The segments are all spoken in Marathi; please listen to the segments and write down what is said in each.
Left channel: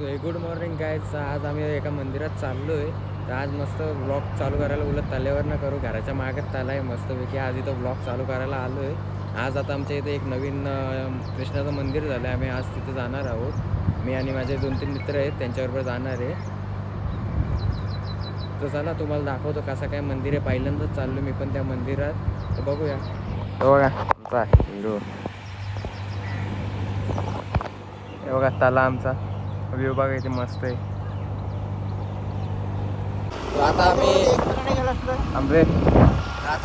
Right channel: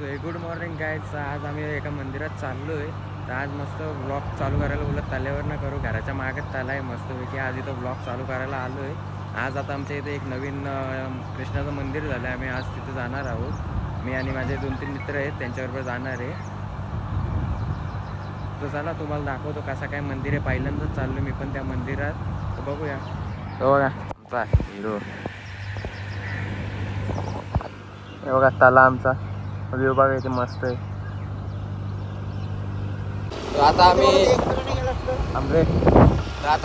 Good morning guys. आज आम्ही एका मंदिरात चाललो आहे. तर आज मस्त ब्लॉग चालू करायला बोलत तल्यावर ना करू, घराच्या मागे तला आहे मस्तपैकी. आज इथं ब्लॉग चालू करायला आलो आहे. आज आता आमच्या इथे एक नवीन कृष्णाचं मंदिर झालं आहे. आम्ही आज तिथे जाणार आहोत. मी आणि माझे 2-3 मित्र आहेत, त्यांच्याबरोबर जाणार आहे. तर चला तुम्हाला दाखवतो कसं काय मंदिर आहे. पहिल्यांदाच चाललो मी पण त्या मंदिरात. तर बघूया. बघा आमचा हिरो, हे बघा तला आमचा व्ह्यू बघा इथे मस्त आहे. आता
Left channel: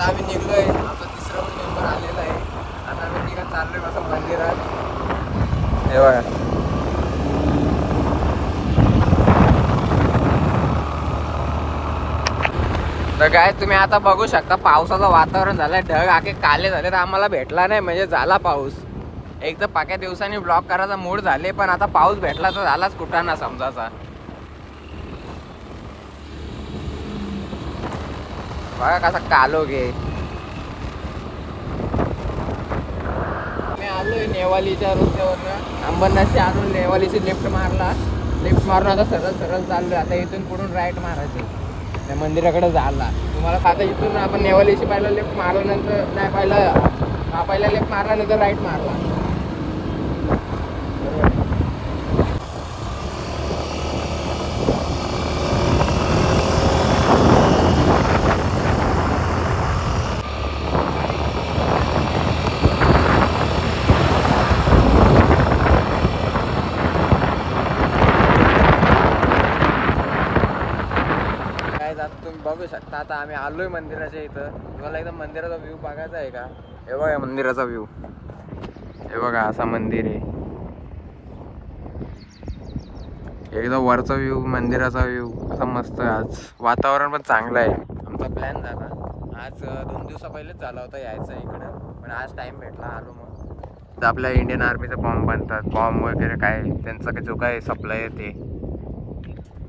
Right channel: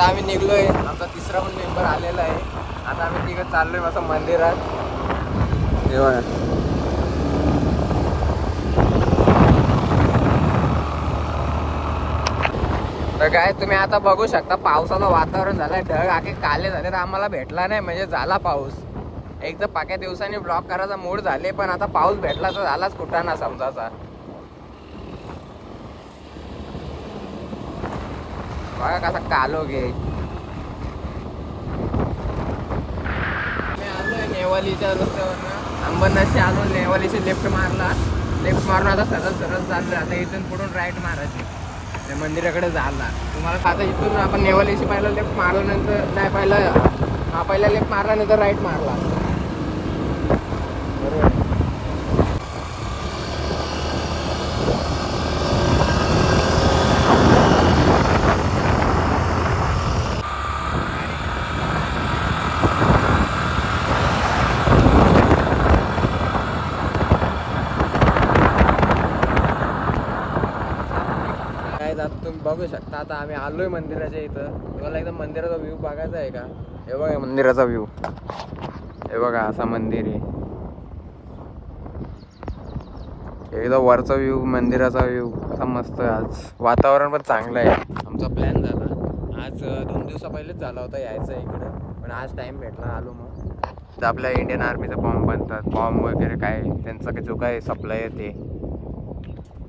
आम्ही निघलोय. आमचा तिसरा पण मेंबर आलेला आहे. आता आम्ही तिकडे चाललोय मस्त मंदिरात. हे बघा तर काय तुम्ही आता बघू शकता, पावसाचं वातावरण झालंय. ढग आखे काले झाले तर आम्हाला भेटला नाही, म्हणजे झाला पाऊस. एक तर पाक्या दिवसांनी ब्लॉग करायचा मूड झाले, पण आता पाऊस भेटला तर झालाच कुठं ना समजाचा. बघा कसा कालो गे. मी आलोय नेवालीच्या रस्त्यावर, अंबरनाथशी आलो. नेवालीची लेफ्ट मारून आता सरळ चाललोय. आता इथून पुढून राईट मारायचे त्या मंदिराकडे झाला. तुम्हाला आता इथून आपण नेवालीशी पहिला लेफ्ट मारल्यानंतर नाही, पहिला लेफ्ट मारल्यानंतर राईट मारला. तुम्ही बघू शकता आता आम्ही आलोय मंदिराच्या इथं. तुम्हाला एकदम मंदिराचा व्ह्यू बघायचा आहे का? हे बघा मंदिराचा व्ह्यू. हे बघा असा मंदिर आहे. एकदम वरचा व्ह्यू, मंदिराचा व्ह्यू असा मस्त. आज वातावरण पण चांगलं आहे. आमचा प्लॅन झाला आज 2 दिवसा पहिलेच झाला होता यायचं इकडे, पण आज टाइम भेटला आलो. मग तर आपल्या इंडियन आर्मीचा बॉम्ब बनतात, बॉम्ब वगैरे काय त्यांचा काय जो काय सप्लाय आहे ते.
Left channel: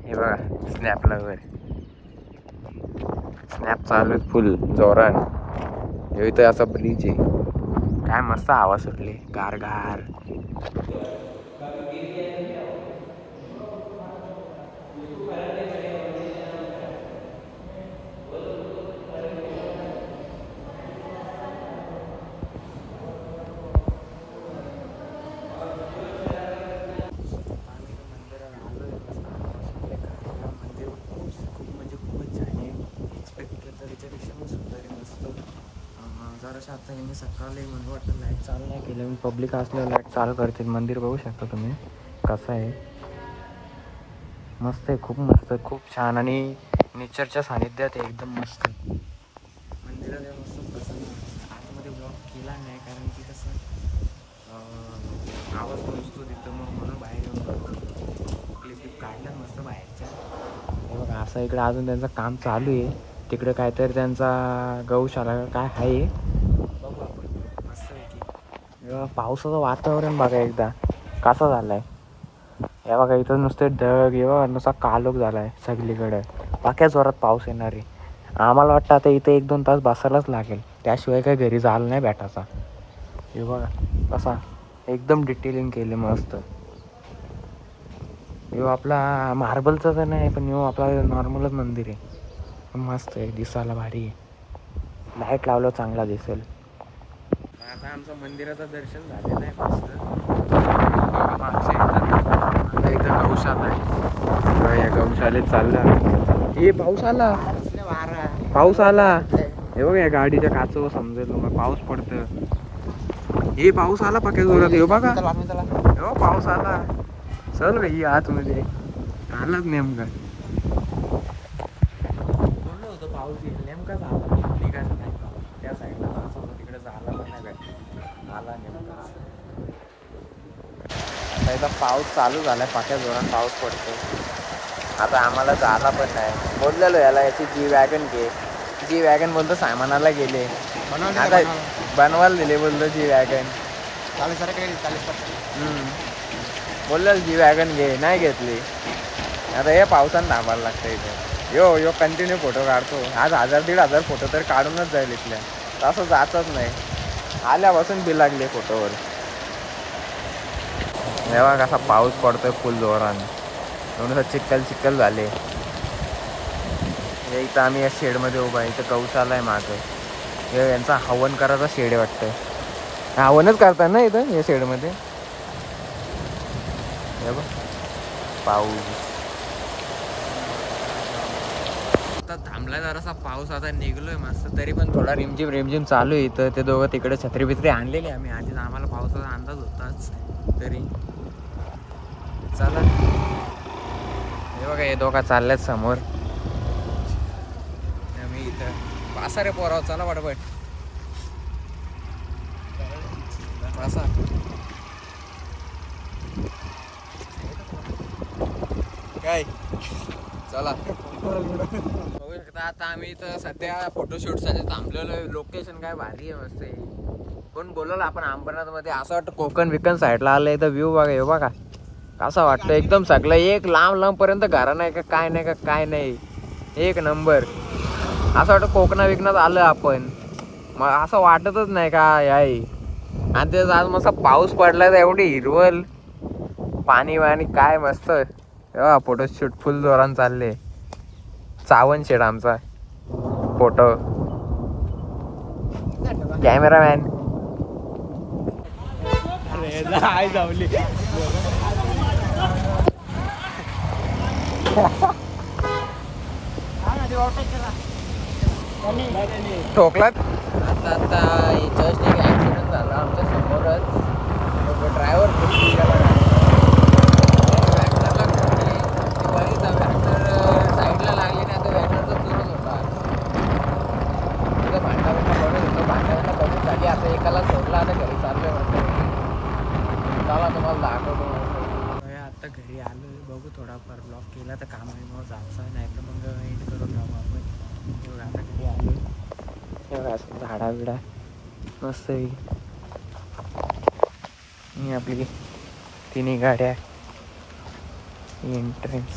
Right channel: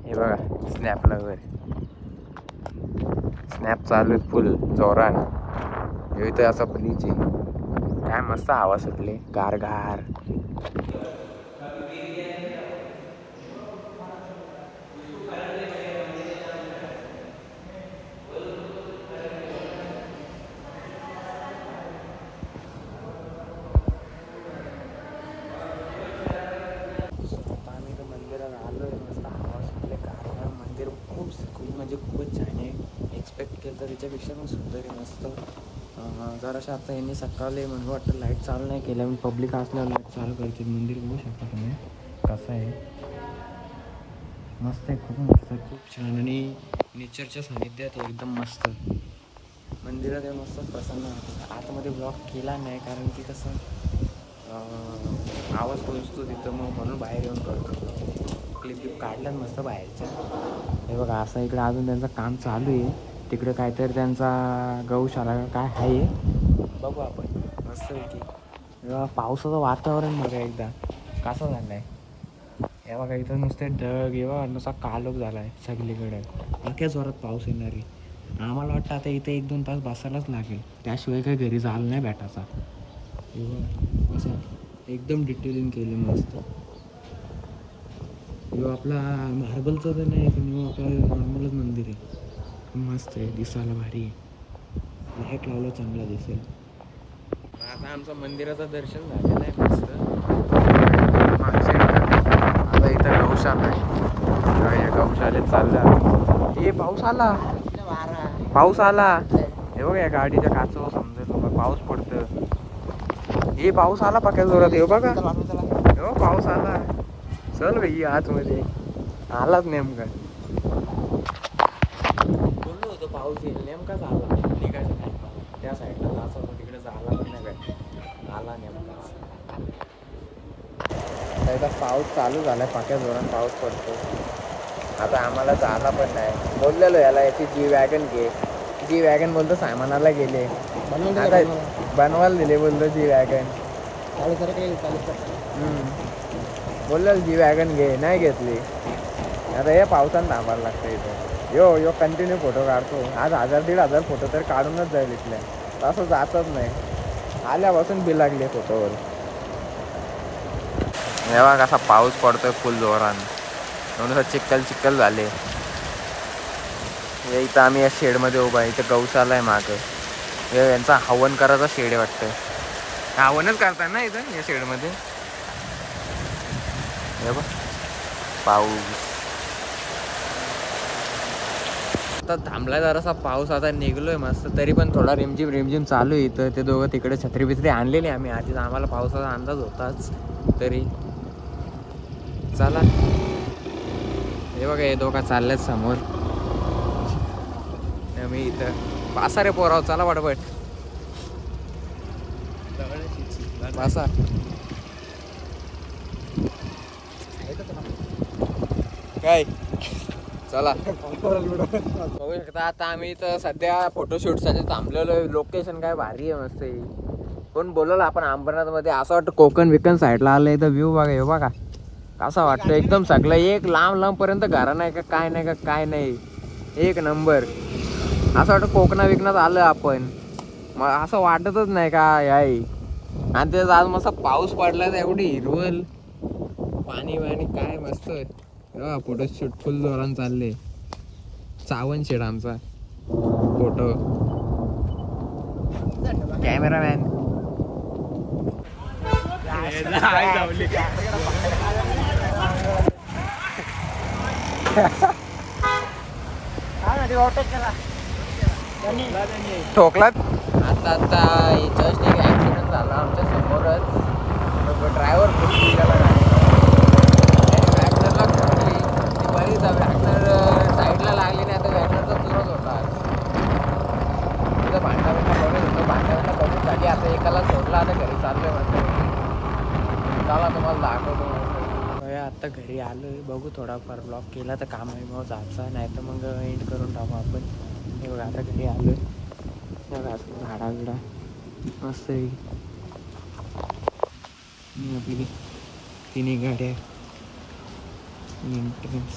हे बघा स्नॅपला वगैरे स्नॅप चालू आहे फुल जोरान. इथे असं ब्रिज आहे, काय मस्त हवा सुटले गार. आम्ही तर मंदिरात आलोय. मस्त हवा सुटले गार. मंदिर खूपच छान आहे. एक्सपेक्ट केलं तर त्याच्यापेक्षा पण सुंदर आहे. मस्त जराशा आता यांनी सकाळी म्हणून वाटतं लाईट चालू नाही केलं. पब्लिक असल्यावर लाईट चालू करतील. मंदिर बघू शकता तुम्ही कसं आहे. मस्त आहे, खूप मस्त, खूप छान आणि नेचरच्या सानिध्यात आहे. एकदम मस्त मंदिरात आहे. मस्त प्रसन्न वाटतं. आतमध्ये ब्लॉग केला नाही कारण की कसं आवाज गुंजतो तिथं, मग म्हणून बाहेर येऊन क्लिप काढल्यात मस्त बाहेरच्या. हे बघा असं इकडे अजून त्यांचं काम चालू आहे. तिकडे काहीतरी त्यांचा गौशाला काय आहे, बघू आपण. मस्त आहे की पावसाचं वातावरण बघा एकदा कसा झालं आहे. हे बघा इथं नुसते ढग, हे बघा नुसता कालोख झाला आहे सगळीकडे. बाक्या जोरात पाऊस येणार आहे. आम्हाला वाटतं आता इथे 1-2 तास बसायलाच लागेल, त्याशिवाय काही घरी जायला नाही भेटायचा. हे बघा कसा एकदम डिटेलिंग केले मस्त. यो आपला मार्बलचा तर नाही, पण यो आपला नॉर्मलच मंदिर आहे. मस्त आहे, दिसायला भारी आहे. लाईट लावलं चांगला दिसेल. आता आमचं मंदिराचं दर्शन झालेलं आहे मस्त. आता इथं गौशाला आहे. या गौशालेत चाललं. हे पाऊस आला. हे बघा या गाडीच्या काचवर समजेल मग पाऊस पडतं. हे पाऊस आला पाक्या जोरात. हे बघा हो पाऊस आला. चल ही आतमध्ये आलाच नेमका. बोललो होतो पाऊस येईल, नेमकाच आला. तिकडे त्या साईडला असं होतं, तिकडे झाला पण नाही, आला नेमकाच. आता इथं पाऊस चालू झालाय, पाक्या जोरात पाऊस पडतो. आता आम्हाला झाला पण नाही. बोललेलो याला याची जी वॅगन बोलतो सामानाला गेले बनवायला दिले. बोलतो जी वॅगन 40% बोललेलं जी वॅगन घे, नाही घेतली. आता हे पावसानं थांबायला लागतं इथं. यो कंटिन्यू फोटो काढतो. आज 1000-1500 फोटो तर काढूनच जाईल इथल्या. तसं जातच नाही. आल्यापासून बिलागले फोटोवर. तेव्हा कसा पाऊस पडतोय फुल जोरानं. म्हणून चिक्कल चिक्कल झाले. इथं आम्ही या शेडमध्ये उभा आहे. इथं गौशाला आहे मागे. हे यांचा हवन करायचा शेड आहे वाटतं. हवनच करतात ना इथं या शेडमध्ये. हे बघ पाऊस आता थांबला. जरासा पाऊस आता निघलोय मस्त. तरी पण थोडा रिमझिम रिमझिम चालू आहे इथं. ते दोघं तिकडे छत्री बित्री आणलेली आम्ही आधीच. आम्हाला पावसाचा अंदाज होताच. तरी चला हे बघा हे दोघा चालल्यात समोर. मी इथं पासा रे पोराव. चला पटपट पासा. काय चला बघू शकता. आता आम्ही इथं सध्या फोटोशूट साठी थांबलेलो. लोकेशन काय भारी आहे मस्त. कोण बोलवलं आपण अंबरनाथ मध्ये. असं वाटतं कोकण विकन साईडला आलं. इथं व्ह्यू बघा हे बघा कसं वाटतं. एकदम सगळं एक लांब लांब पर्यंत घरा नाही का काय नाही का काय नाही. एक नंबर. असं वाटतं कोकणा विकनात आलं आपण. मग असं वाटतच नाही का आहे. आणि ते आज मस्त पाऊस पडला तर एवढी हिरवल पाणी वाणी काय मस्त. फोटोशूट फुल जोरान चालले. सावन शेड आमचा फोटो कॅमेरामॅन. ठोकलात. आता आता जस्ट एक ॲक्सिडेंट झाला आमच्या समोरच. ड्रायव्हर साईडला लागली नाही तर बॅटरचा चुरत होता. तिथं भांडावून बनवलं होतं. भांडावून बघून झाली. आता एकाला सोडला. आता घरी चाललोय मस्त. चला तुम्हाला दाखवतो. आता घरी आलोय. बघू थोडाफार ब्लॉग केला तर काम आहे मग जायचा. नाही तर मग एंड करून टाकू आपण. हे बघा आता घरी आलो. झाडा बिडा मस्त आहे. ही आपली तिन्ही गाड्या एंट्रन्स.